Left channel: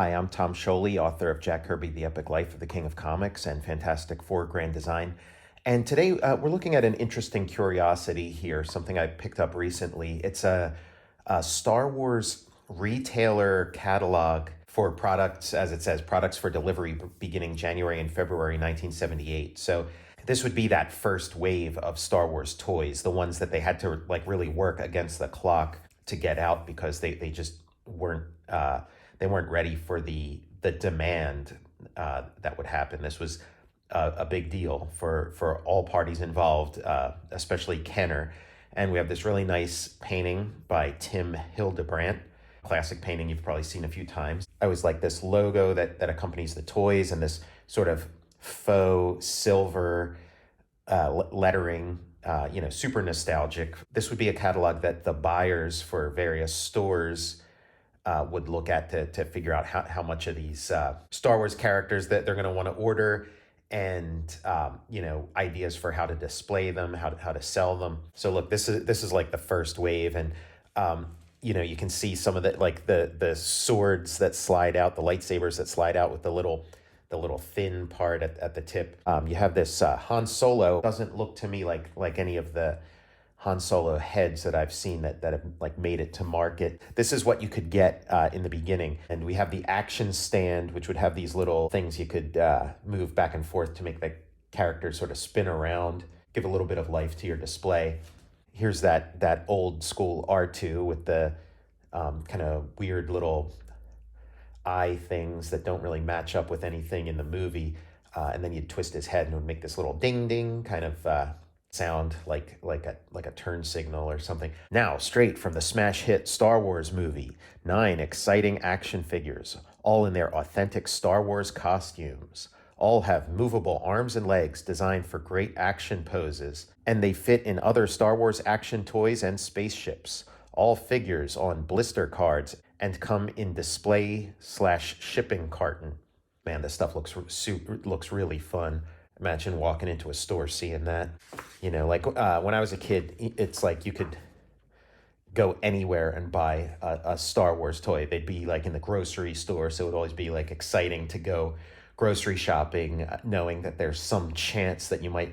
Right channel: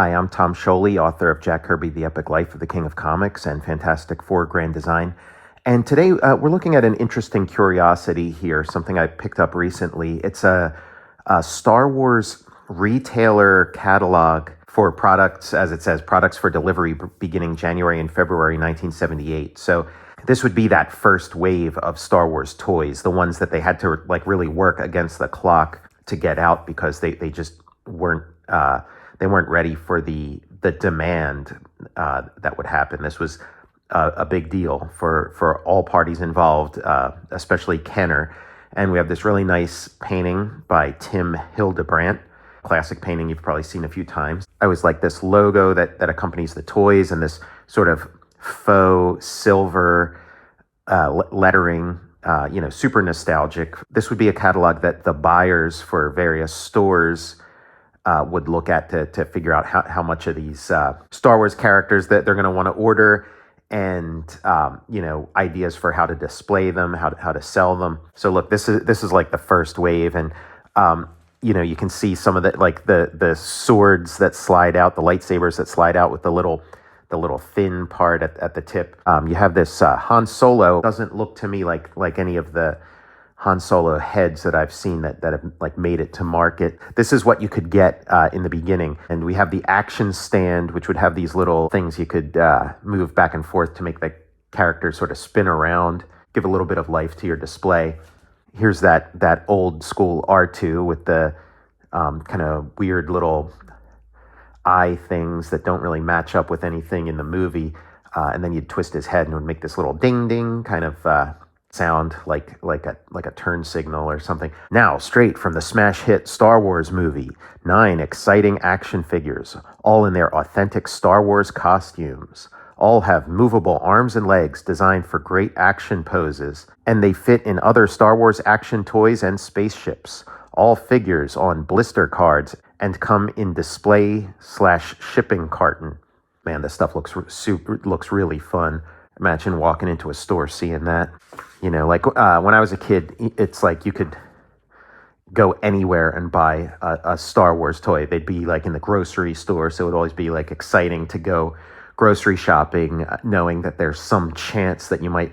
Hi, I'm Tom Scioli, author of Jack Kirby, The Epic Life of the King of Comics and Fantastic Four Grand Design. And today we're looking at an interesting curiosity here, something I picked up recently. It's a Star Wars retailer catalog for products, as it says, products for delivery beginning January and February 1978. So this would be that first wave of Star Wars toys, the ones that they had to really work against the clock to get out because they just weren't ready for the demand that would happen. This was a big deal for all parties involved, especially Kenner. And we have this really nice painting by Tim Hildebrandt, classic painting you've probably seen a few times. I always like this logo that accompanies the toys and this sort of faux silver lettering, super nostalgic. This would be a catalog that the buyers for various stores would look at to figure out how much of these Star Wars characters that they're going to want to order, and ideas for how to display them, how to sell them. So look, this is like the first wave, and you can see some of the swords that slide out, the lightsabers that slide out with the little thin part at the tip. You have this Han Solo. Doesn't look to me like any of the Han Solo heads that I've seen that have made it to market. This is what you could get in the beginning. And we have the action stand, which would have these little things you could move back and forth to make the character sort of spin around, give a little bit of life to your display. Here's that old school R2 with the kind of weird little eye things that don't really match up with anything in the movie. And then you'd twist his head and it would make this little ding ding kind of sound like a turn signal or something. Now, straight from the smash hit Star Wars movie, 9 exciting action figures, all in their authentic Star Wars costumes. All have movable arms and legs designed for great action poses, and they fit in other Star Wars action toys and spaceships. All figures on blister cards and come in display/shipping carton. Man, this stuff looks really fun. Imagine walking into a store seeing that. When I was a kid, it's like you could go anywhere and buy a Star Wars toy. They'd be in the grocery store, so it would always be exciting to go grocery shopping, knowing that there's some chance that you might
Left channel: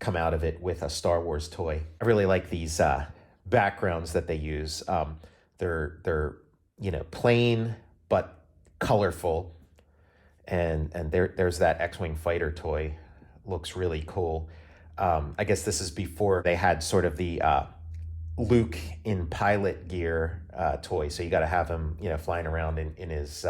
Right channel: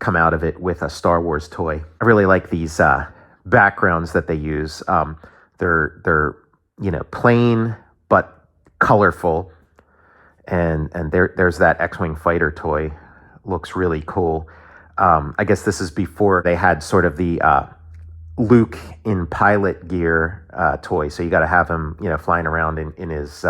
come out of it with a Star Wars toy. I really like these backgrounds that they use. They're plain but colorful, and there's that X-Wing fighter toy. Looks really cool. I guess this is before they had sort of the Luke in pilot gear toy. So you got to have him, flying around in his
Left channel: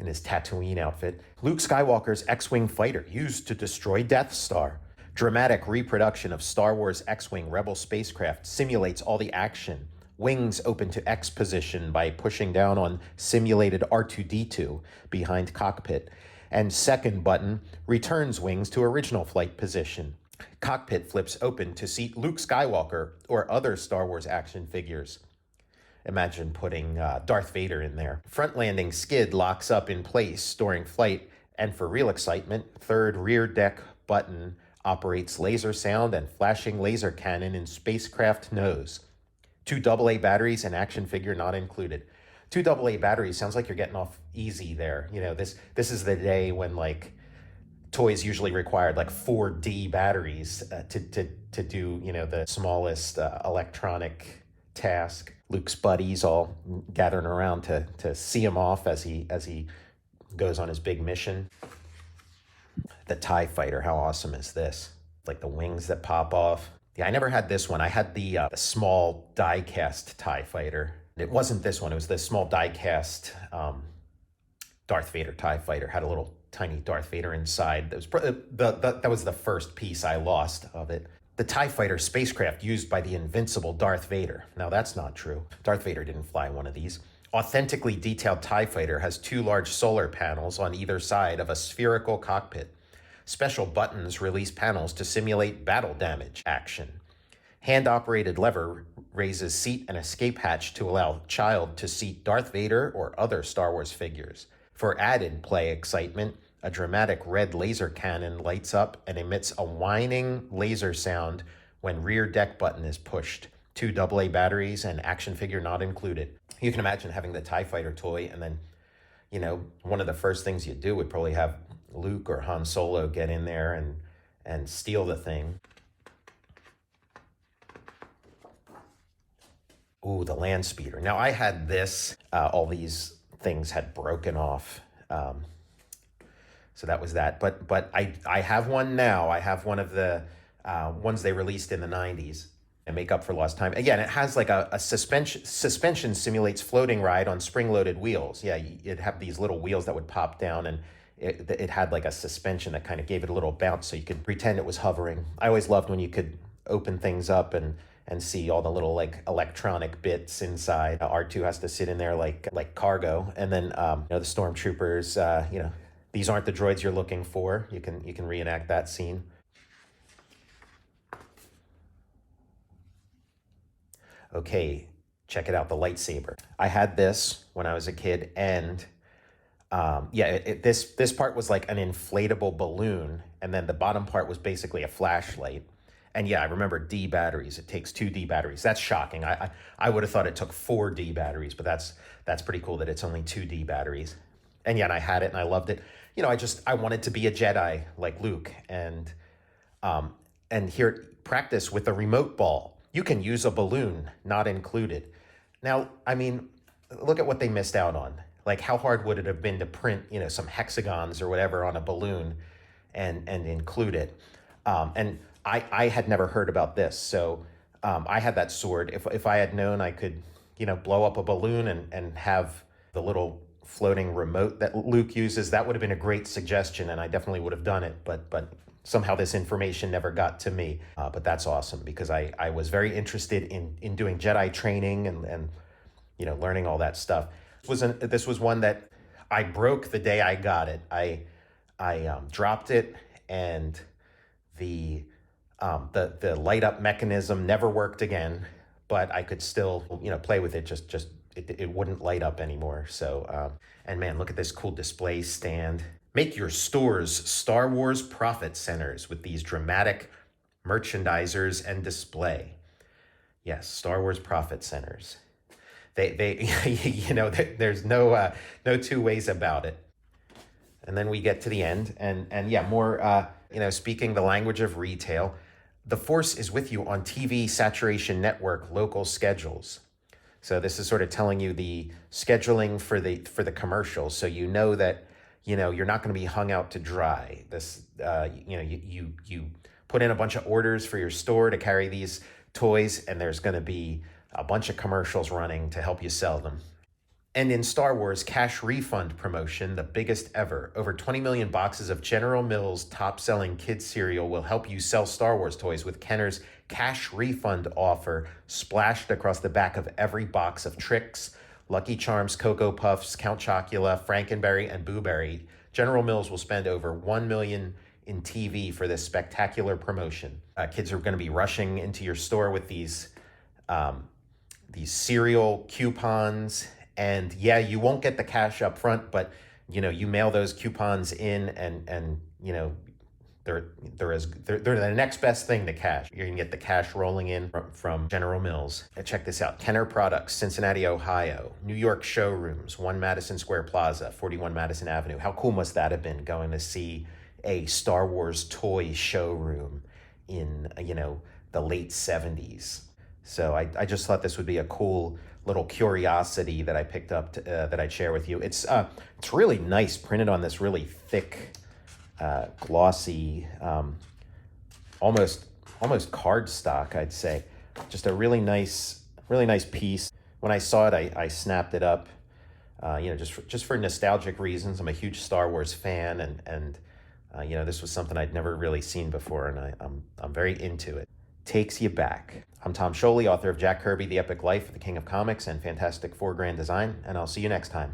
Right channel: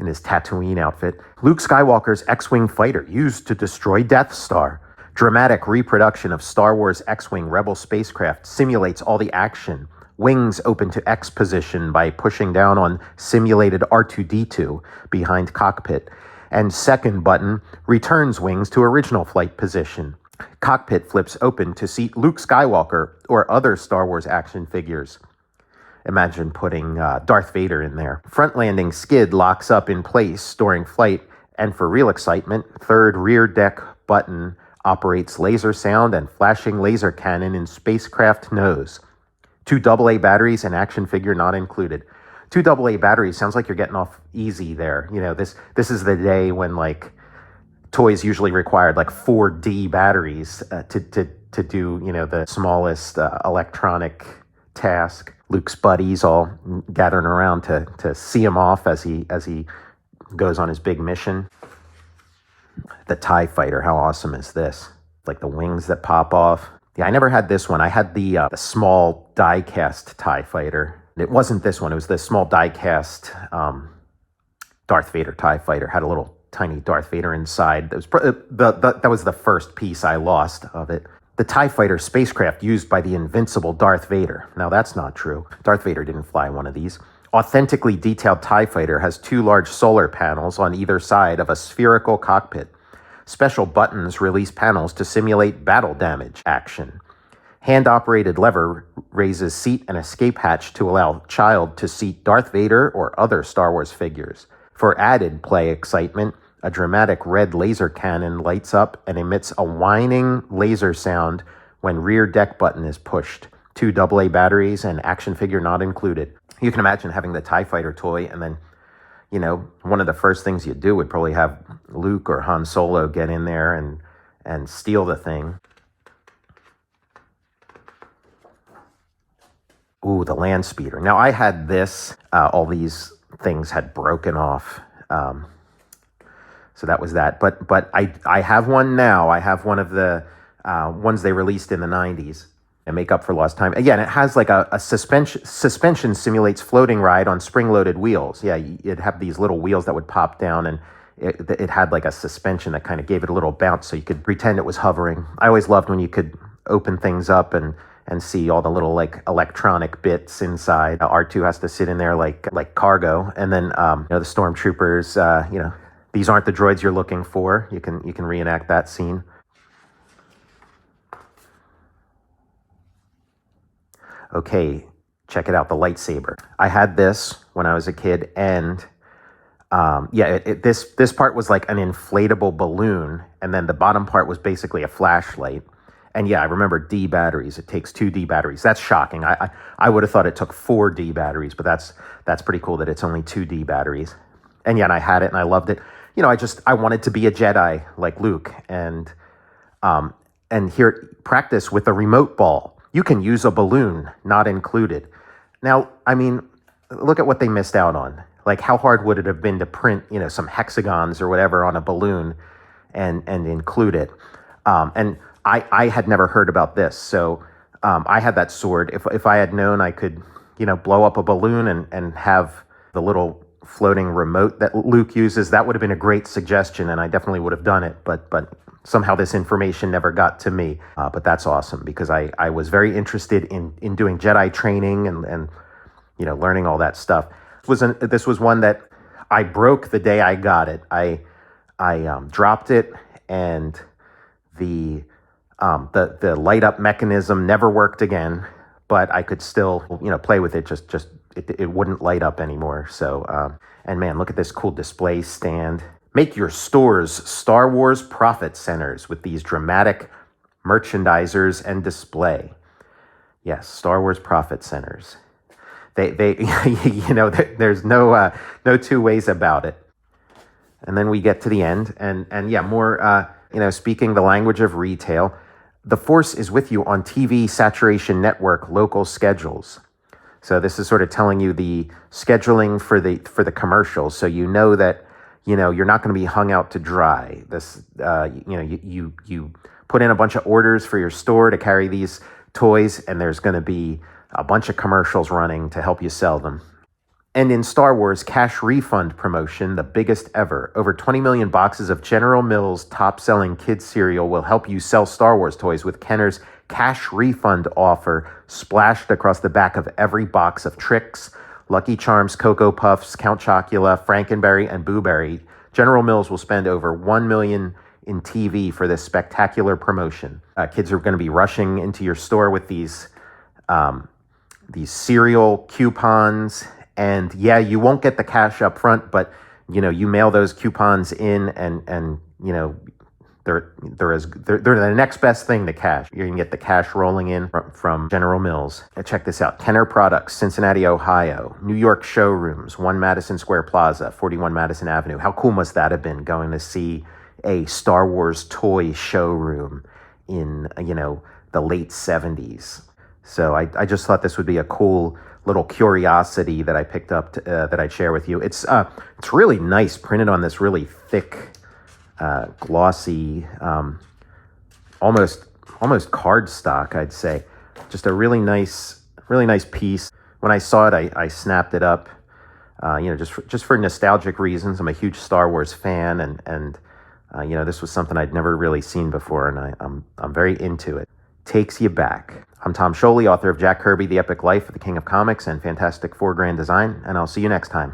Tatooine outfit. Luke Skywalker's X-Wing fighter used to destroy Death Star. Dramatic reproduction of Star Wars X-Wing Rebel spacecraft simulates all the action. Wings open to X position by pushing down on simulated R2-D2 behind cockpit. And second button returns wings to original flight position. Cockpit flips open to seat Luke Skywalker or other Star Wars action figures. Imagine putting Darth Vader in there. Front landing skid locks up in place during flight, and for real excitement, third rear deck button operates laser sound and flashing laser cannon in spacecraft nose. 2 AA batteries and action figure not included. 2 AA batteries sounds like you're getting off easy there. This is the day when toys usually required 4D batteries to do the smallest electronic task. Luke's buddies all gathering around to see him off as he goes on his big mission. The TIE fighter, how awesome is this? The wings that pop off. Yeah, I never had this one. I had the small die-cast TIE fighter. It wasn't this one. It was the small die-cast Darth Vader TIE fighter. Had a little tiny Darth Vader inside. That was the first piece I lost of it. The TIE fighter spacecraft used by the invincible Darth Vader. Now, that's not true. Darth Vader didn't fly one of these. Authentically detailed TIE fighter has 2 large solar panels on either side of a spherical cockpit. Special buttons release panels to simulate battle damage action. Hand-operated lever raises seat and escape hatch to allow child to seat Darth Vader or other Star Wars figures. For added play excitement, a dramatic red laser cannon lights up and emits a whining laser sound when rear deck button is pushed. 2 AA batteries and action figure not included. You can imagine having the TIE Fighter toy and then, one of the first things you'd do would probably have Luke or Han Solo get in there and steal the thing. Ooh, the land speeder. Now I had this, all these things had broken off. So that was that. But I have one now. I have one of the ones they released in the 90s and make up for lost time. Again, it has like a suspension simulates floating ride on spring-loaded wheels. Yeah, you'd have these little wheels that would pop down, and it had like a suspension that kind of gave it a little bounce so you could pretend it was hovering. I always loved when you could open things up and see all the little like electronic bits inside. R2 has to sit in there like cargo, and then the stormtroopers. These aren't the droids you're looking for. You can reenact that scene. Okay, check it out, the lightsaber. I had this when I was a kid, and this part was like an inflatable balloon, and then the bottom part was basically a flashlight. And yeah, I remember D batteries. It takes 2 D batteries. That's shocking. I would have thought it took 4 D batteries, but that's pretty cool that it's only 2 D batteries. And yeah, and I had it and I loved it. I wanted to be a Jedi like Luke, and here practice with a remote ball. You can use a balloon, not included. Now, I mean, look at what they missed out on. Like, how hard would it have been to print, some hexagons or whatever on a balloon and include it? And I had never heard about this, so I had that sword. If I had known I could, blow up a balloon and have the little floating remote that Luke uses, that would have been a great suggestion, and I definitely would have done it. But somehow this information never got to me. But that's awesome, because I was very interested in doing Jedi training and learning all that stuff. This was one that I broke the day I got it. I dropped it, and the light up mechanism never worked again, but I could still play with it. Just it wouldn't light up anymore. So and man, look at this cool display stand. Make your stores Star Wars profit centers with these dramatic merchandisers and display. Yes, Star Wars profit centers. They there's no two ways about it. And then we get to the end, and yeah, more speaking the language of retail. The Force is with you on TV Saturation Network local schedules. So this is sort of telling you the scheduling for the commercials, so that you're not going to be hung out to dry. This you put in a bunch of orders for your store to carry these toys, and there's going to be a bunch of commercials running to help you sell them. And in Star Wars cash refund promotion, the biggest ever, over 20 million boxes of General Mills top-selling kids cereal will help you sell Star Wars toys with Kenner's cash refund offer splashed across the back of every box of Trix, Lucky Charms, Cocoa Puffs, Count Chocula, Frankenberry, and Boo Berry. General Mills will spend over $1 million in TV for this spectacular promotion. Kids are going to be rushing into your store with these cereal coupons. And yeah, you won't get the cash up front, but you mail those coupons in, and they're the next best thing to cash. You can get the cash rolling in from General Mills. Check this out: Kenner Products, Cincinnati, Ohio. New York showrooms: 1 Madison Square Plaza, 41 Madison Avenue. How cool must that have been, going to see a Star Wars toy showroom in the late 70s? So I just thought this would be a cool little curiosity that I picked up that I'd share with you. It's really nice, printed on this really thick, glossy, almost cardstock, I'd say. Just a really nice piece. When I saw it, I snapped it up. Just for nostalgic reasons. I'm a huge Star Wars fan, and this was something I'd never really seen before, and I'm very into it. Takes you back. I'm Tom Scioli, author of Jack Kirby, The Epic Life of the King of Comics and Fantastic Four Grand Design, and I'll see you next time.